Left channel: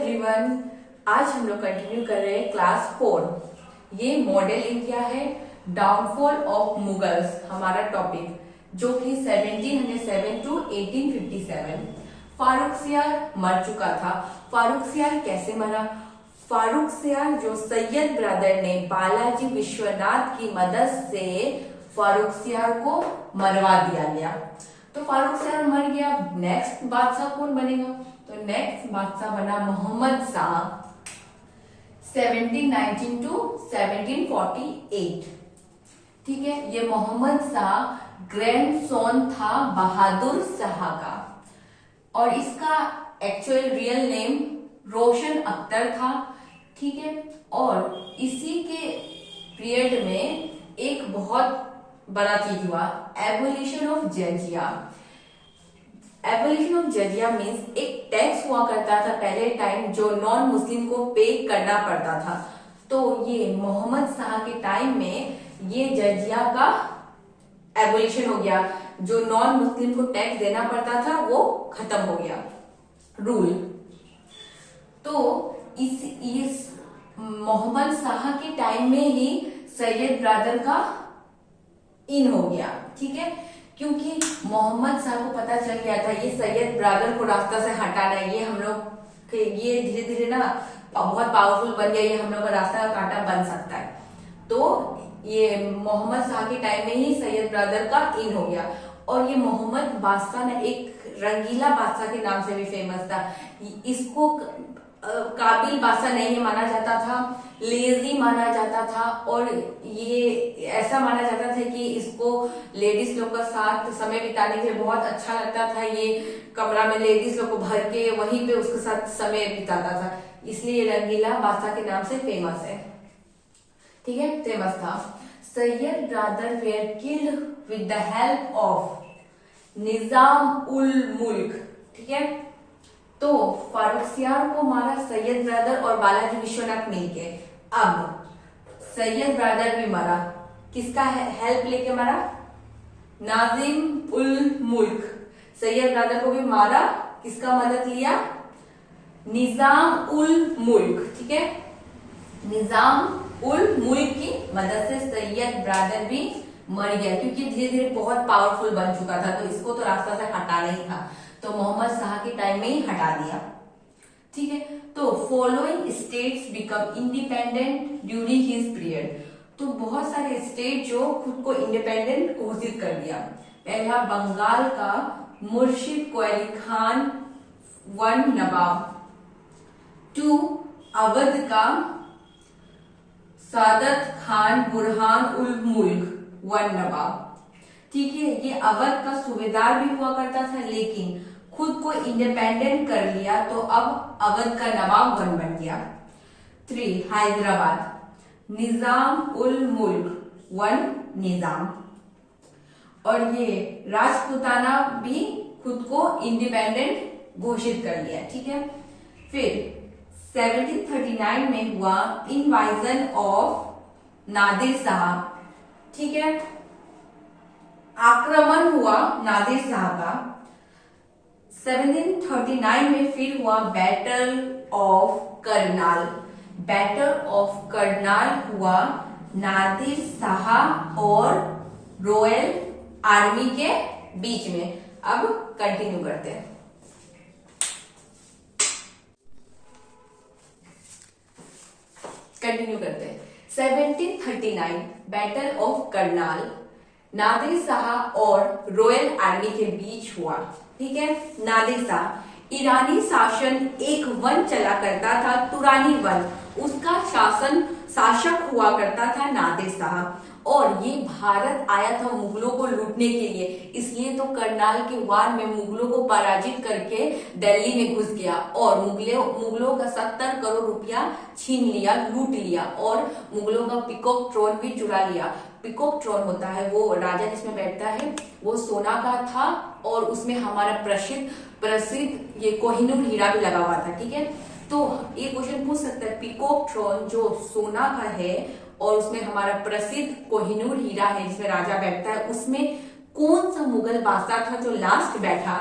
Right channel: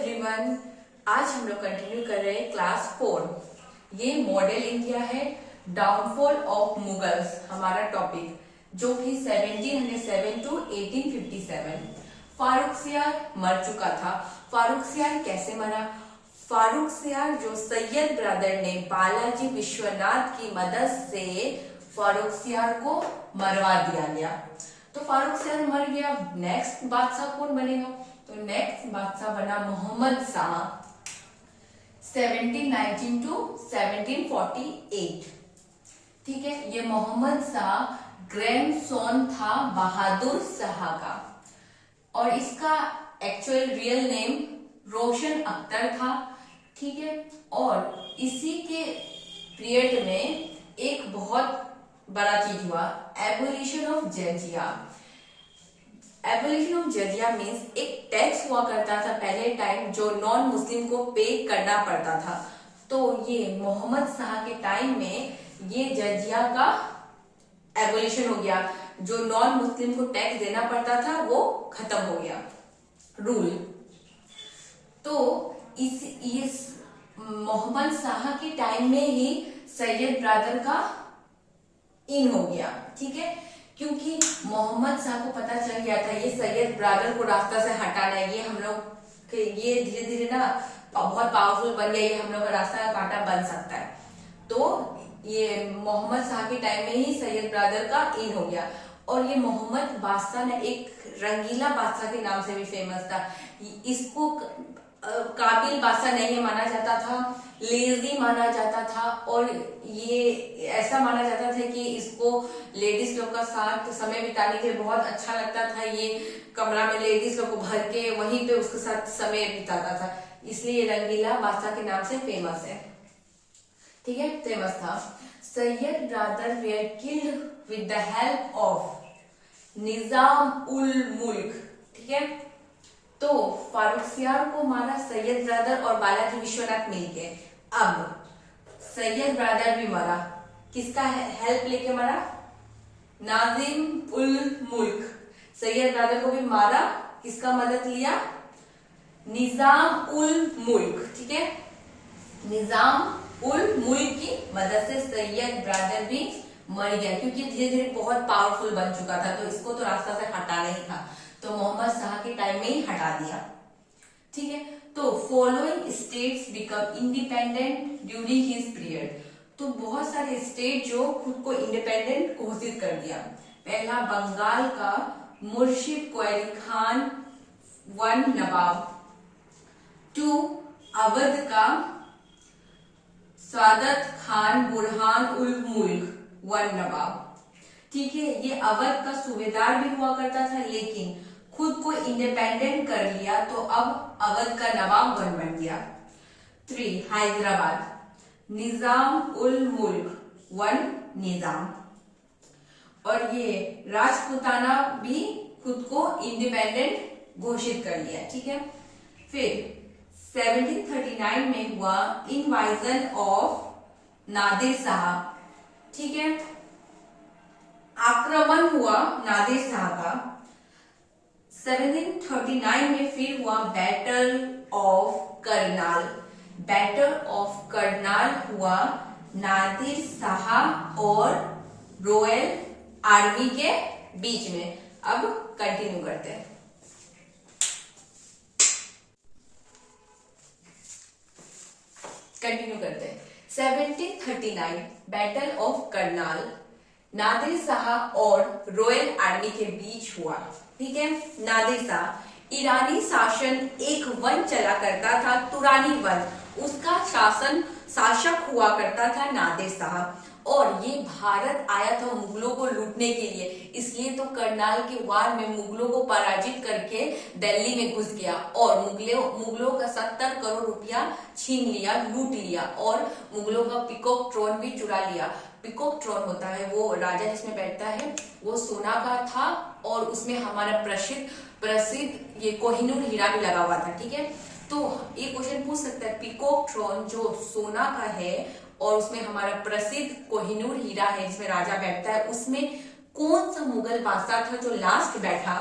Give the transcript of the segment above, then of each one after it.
Everyone, आज हम लोग कंटिन्यू कर रहे हैं क्लास 4। ये मॉडल इंडिया है, डाउनफॉल ऑफ मुगल्स हमारा टॉपिक, जो कि 1707 टू 1857। फारुखसियार मर चुका था। फारुखसियार कैसे मरा? फारुखसियार जो सैयद ब्रदर ने बालाजी विश्वनाथ की मदद से फारुखसियार को मरवा दिया गया। तो फारुखसियार मर गया। नेक्स्ट बादशाह कौन बनेगा? तो नेक्स्ट बादशाह बना मोहम्मद शाह, 1719 टू 1748। ठीक है, ये मोहम्मद शाह ग्रैंडसन था बहादुर शाह का, और इसका एक्चुअल रियल नेम रोशन अख्तर था। ठीक है, और इसी के पीरियड में एक बहुत बड़ा चीज हुआ, एबोलिशन ऑफ जजिया। एबोलिशन ऑफ जजिया मीन्स एक टैक्स हुआ करता था पहले टाइम, जो नॉन मुस्लिम को पे करना पड़ता था। तो ये मोहम्मद शाह के टाइम में ये जजिया का एबोलिशन हो गया। जो नॉन मुस्लिम को टैक्स देना पड़ता था वो खत्म हो गया रूल। तो इस मोहम्मद शाह के टाइम में ही सैयद ब्रदर का इन हो गया। ठीक है, क्योंकि मोहम्मद शाह को पता चल गया था ये सैयद ब्रदर को रास्ता से हटाना है, ये हम लोग ये धीरे धीरे ना बहुत पावरफुल बन गया, ये हम लोग का रास्ता का कांटा बन सकता है। तो ये मोहम्मद शाह के टाइम में ही सैयद ब्रदर का इन हो गया। और ये मोहम्मद बादशाह ना एक रंगीला बादशाह के नाम से भी फेमस था। इसको काबिल बादशाह नहीं माना जाता था, लेजी माना जाता था, और ये ऐसा माना जाता था कि इसको लेडीज लोग का साथ समय बिताने के लिए बहुत अच्छा लगता था। ये कमरा में लेडीज लोग को भर के वहीं पे उसके साथ समय बिताता था, इसलिए रंगीला बादशाह के नाम से फेमस है। ठीक है, फेमस था। Sayyid brother were killed with the help of Nizam ul Mulk. ठीक है, तो फारुखसियार को मारा सैयद ब्रदर और बालाजी विश्वनाथ मिलके। अब सैयद ब्रदर भी मरा, किसका हेल्प लेके मरा? नाजिम उल मुल्क। सैयद ब्रदर को भी मारा, किसका मदद लिया? निजाम उल मुल्क। ठीक है, निजाम उल मुल्क की मदद से सैयद ब्रदर भी मर गया, क्योंकि धीरे धीरे बहुत पावरफुल बन चुका था, तो इसको तो रास्ता से हटाना ही था। तो मोहम्मद शाह के टाइम में ही हटा दिया। ठीक है, तो following states become independent during his period. तो बहुत सारे स्टेट जो खुद को इंडिपेंडेंट घोषित कर दिया। पहला बंगाल का मुर्शिद क्वाली खान वन नवाब, 2 अवध का सादत खान बुरहान उल मुल्क वन नवाब। ठीक है, ये अवध का सूबेदार भी हुआ करता था, लेकिन खुद को इंडिपेंडेंट कर लिया, तो अब अवध का नवाब बन गया। 3 हैदराबाद निजाम उल मुल्क वन निजाम, और ये राजपूताना भी खुद को इंडिपेंडेंट घोषित कर लिया। ठीक है, फिर 1739 में हुआ इन्वाइजन ऑफ नादिर शाह। ठीक है, आक्रमण हुआ नादिर शाह का। 1739 में फिर हुआ battle of Karnal. Battle of Karnal हुआ नादिर शाह और रॉयल आर्मी के बीच में। अब कंटिन्यू करते हैं। कंटिन्यू करते हैं। 1739 बैटल ऑफ करनाल नादिर शाह और रॉयल आर्मी के बीच हुआ। ठीक है, नादिर शाह ईरानी शासन एक वन चला करता था, तुरानी वन, उसका शासक हुआ करता था नादिर शाह, और ये भारत आया था मुगलों को लूटने के लिए। इसलिए तो करनाल के वार में मुगलों को पराजित करके दिल्ली में घुस गया, और मुगलों का 70 करोड़ रुपया छीन लिया, लूट लिया, और मुगलों का पीकॉक ट्रोन भी चुरा लिया। पीकॉक ट्रोन होता है वो राजा जिसमें बैठता है, वो सोना का था, और उसमें हमारा प्रसिद्ध ये कोहिनूर हीरा भी लगा हुआ था। ठीक है, तो ये क्वेश्चन पूछ सकता है, पीकॉक ट्रोन जो सोना का है और उसमें हमारा प्रसिद्ध कोहिनूर हीरा है जिसमें राजा बैठता है, उसमें कौन सा मुगल बादशाह था जो लास्ट बैठा?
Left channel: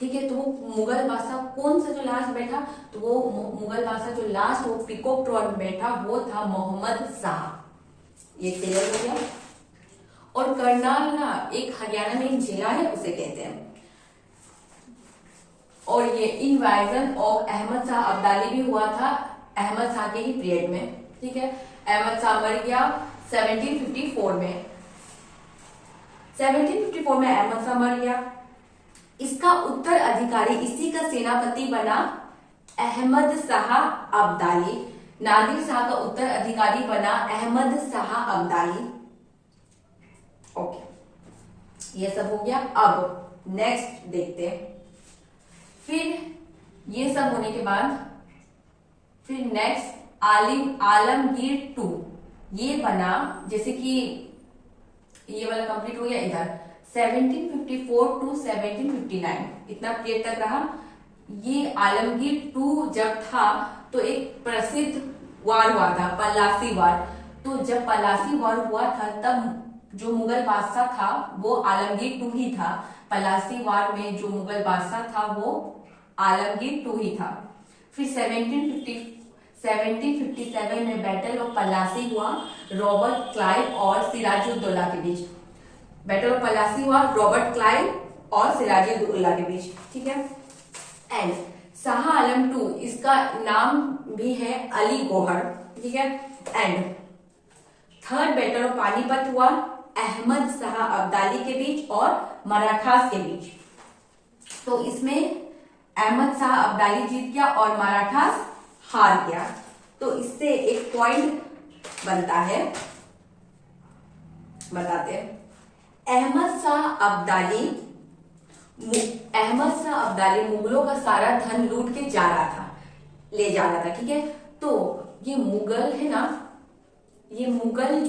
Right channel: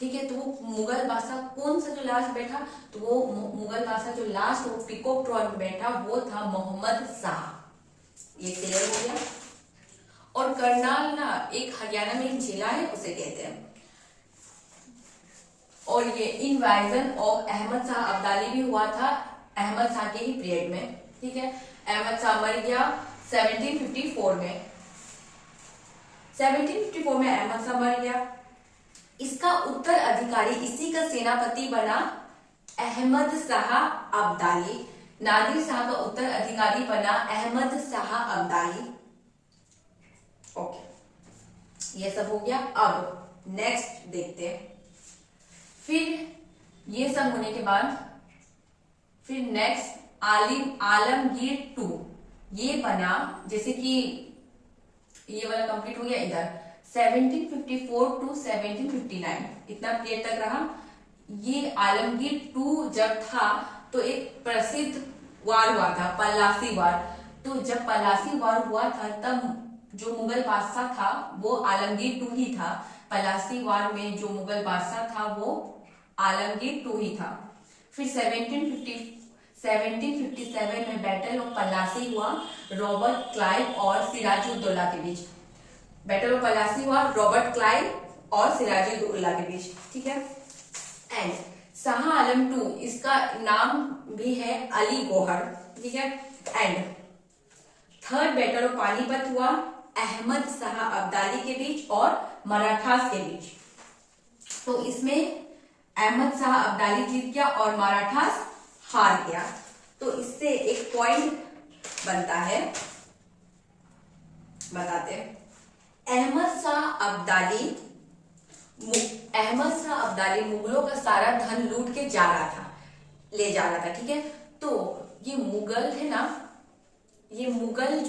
ठीक है। तो वो मुगल बादशाह कौन सा जो लास्ट बैठा, तो वो मुगल बादशाह जो लास्ट वो पीकॉक ट्रॉन बैठा वो था मोहम्मद शाह। ये क्लियर हो गया। और करनाल ना एक हरियाणा में एक जिला है, उसे कहते हैं। और ये इन्वाइजन ऑफ अहमद शाह अब्दाली भी हुआ था अहमद शाह के ही पीरियड में। ठीक है, अहमद शाह मर गया 1754 में। 1754 में अहमद शाह मर गया। इसका उत्तराधिकारी इसी का सेनापति बना अहमद शाह अब्दाली। नादिर शाह का उत्तराधिकारी बना अहमद शाह अब्दाली। ओके, ये सब हो गया। अब नेक्स्ट देखते हैं। फिर ये सब होने के बाद फिर नेक्स्ट आलमगीर 2 ये बना, जैसे कि ये वाला कंप्लीट हो गया इधर 1754 टू 1759 इतना पीरियड तक रहा। ये आलमगीर 2 जब था तो एक प्रसिद्ध वार हुआ था, पलासी वार। तो जब पलासी वार हुआ था तब जो मुगल बादशाह था वो आलमगीर 2 ही था। पलासी वार में जो मुगल बादशाह था वो आलमगीर 2 ही था। फिर 1757 में बैटल ऑफ पलासी हुआ रॉबर्ट क्लाइव और सिराजुद्दौला के बीच। बैटल ऑफ पलासी हुआ रॉबर्ट क्लाइव और सिराजुद्दौला के बीच। ठीक है। एंड शाह आलम 2 इसका नाम भी है अली गौहर। ठीक है। And third battle of Panipat हुआ अहमद शाह अब्दाली के बीच और मराठास के बीच। तो इसमें अहमद शाह अब्दाली जीत गया और मराठास हार गया। तो इससे एक पॉइंट बनता है, बताते हैं। अहमद शाह अब्दाली मुगलों का सारा धन लूट के जा रहा था, ले जा रहा था। ठीक है। तो ये मुगल है ना, ये मुगल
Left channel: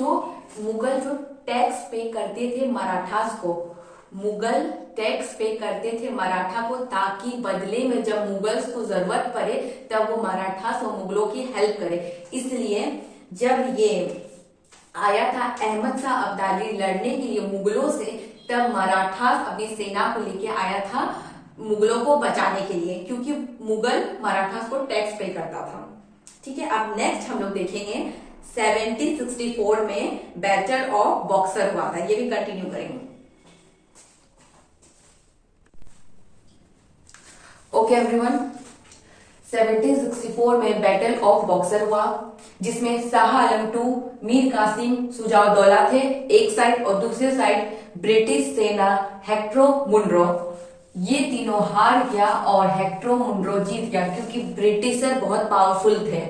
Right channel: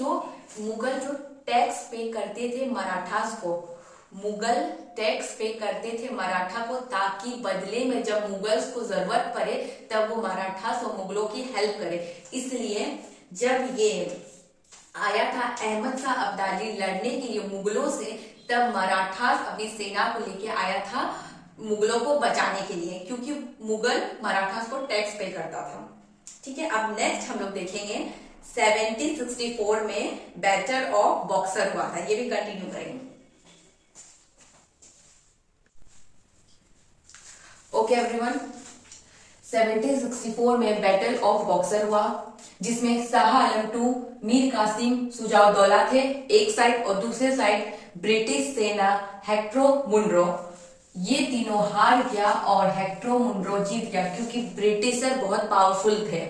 जो टैक्स पे करते थे मराठास को, मुगल टैक्स पे करते थे मराठा को, ताकि बदले में जब मुगल्स को जरूरत पड़े तब वो मराठास और मुगलों की हेल्प करे। इसलिए जब ये आया था अहमद शाह अब्दाली लड़ने के लिए मुगलों से, तब मराठास अपनी सेना को लेके आया था मुगलों को बचाने के लिए, क्योंकि मुगल मराठास को टैक्स पे करता था। ठीक है। अब नेक्स्ट हम लोग देखेंगे 1764 में बैटल ऑफ बॉक्सर हुआ था, ये भी कंटिन्यू करेंगे। ओके एवरीवन, 1764 में बैटल ऑफ बॉक्सर हुआ, जिसमें शाह आलम 2, मीर कासिम, सुजाउद्दौला थे एक साइड और दूसरे साइड ब्रिटिश सेना हेक्टरो मुनरो। ये तीनों हार गया और हेक्टरो मुनरो जीत गया, क्योंकि ब्रिटिशर बहुत पावरफुल थे।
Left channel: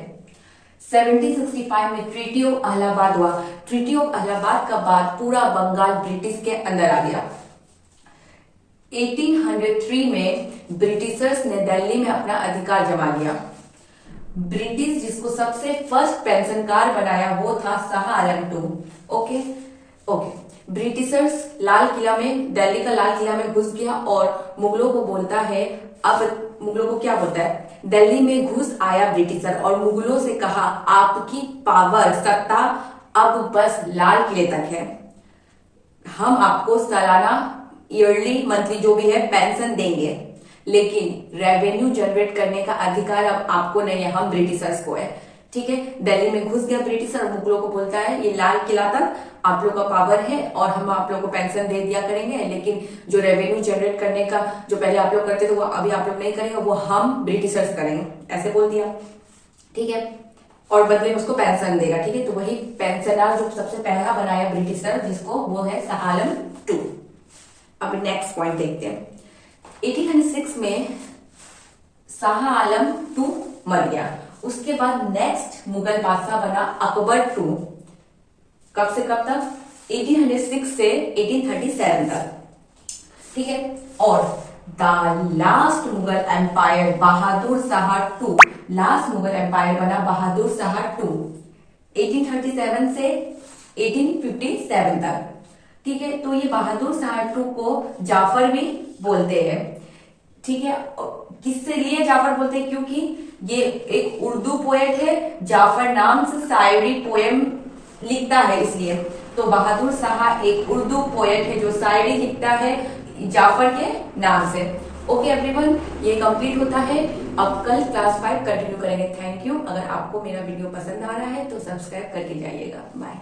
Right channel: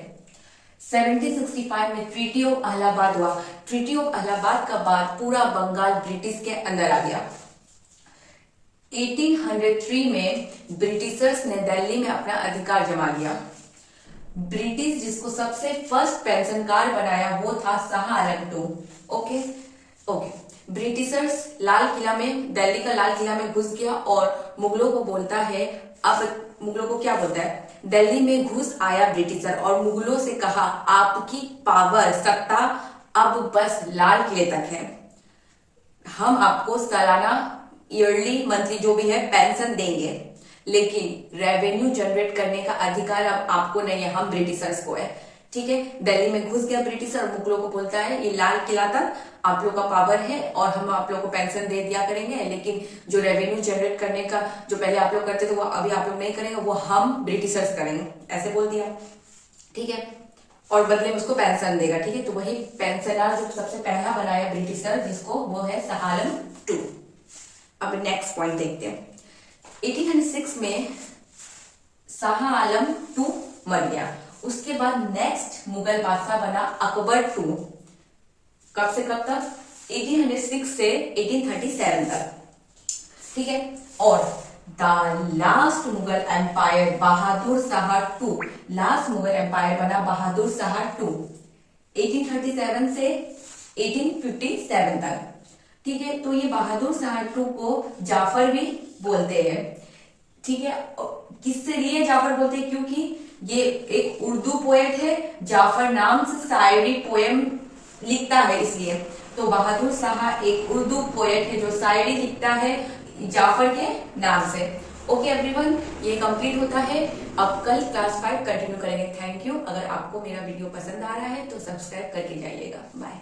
1765 में ट्रीटी ऑफ इलाहाबाद हुआ। ट्रीटी ऑफ इलाहाबाद का बाद पूरा बंगाल ब्रिटिश के अंदर आ गया। 1803 में ब्रिटिशर्स ने दिल्ली में अपना अधिकार जमा लिया। ब्रिटिश जिसको सबसे फर्स्ट पेंशनकार बनाया वो था शाह आलम 2। ओके। ब्रिटिशर्स लाल किला में, दिल्ली का लाल किला में घुस गया और मुगलों को बोलता है, अब मुगलों को क्या बोलता है, दिल्ली में घुस आया ब्रिटिशर और मुगलों से कहा आपकी पावर, सत्ता अब बस लाल किले तक है, हम आपको सालाना, ईयरली, मंथली जो भी है पेंशन देंगे, लेकिन रेवेन्यू जनरेट करने का अधिकार अब आपको नहीं है, हम ब्रिटिशर्स को है। ठीक है। दिल्ली में घुस गया ब्रिटिशर, मुगलों को बोलता है ये लाल किला तक आप लोग का पावर है और हम आप लोग को पेंशन दे दिया करेंगे, लेकिन जो रेवेन्यू जनरेट करने का जो पहले आप लोग करते थे वो अभी आप लोग नहीं करेंगे, वो हम ब्रिटिशर्स करेंगे, ऐसे बोल दिया। ठीक है। और बदले में उसको पेंशन देगा। ठीक है। तो वही पेंशनर जो सबसे पहला बनाया ब्रिटिशर जिसको, वो है शाह आलम 2। अब नेक्स्ट पॉइंट देखते हैं। 1806 में शाह आलम 2 मर गया। उसके बाद नेक्स्ट मुगल बादशाह बना अकबर 2। कब से कब तक? 1806 से 1837 तक। ठीक है। और the last Mughal empire Bahadur Shah 2, last Mughal empire बना बहादुर शाह 2 1837 से 1857 तक। ठीक है। तो ये बहादुर शाह 2 को जाफर भी बोलते हैं। ठीक है। किससे लिए जाफर बोलते हैं? क्योंकि ये एक उर्दू पोएट है, जाफर नाम से शायरी पोएम लिखता है, इसलिए। तो बहादुर शाह एक उर्दू पोएट है जो शायरी लिखता है जाफर के नाम से। ओके एवरीवन, ये कंप्लीट होता है। अब कल क्लास 5 कंटिन्यू करेंगे। Thank you. अगर आपको मेरा वीडियो पसंद आ रहा है तो सब्सक्राइब करके जाइएगा। बाय।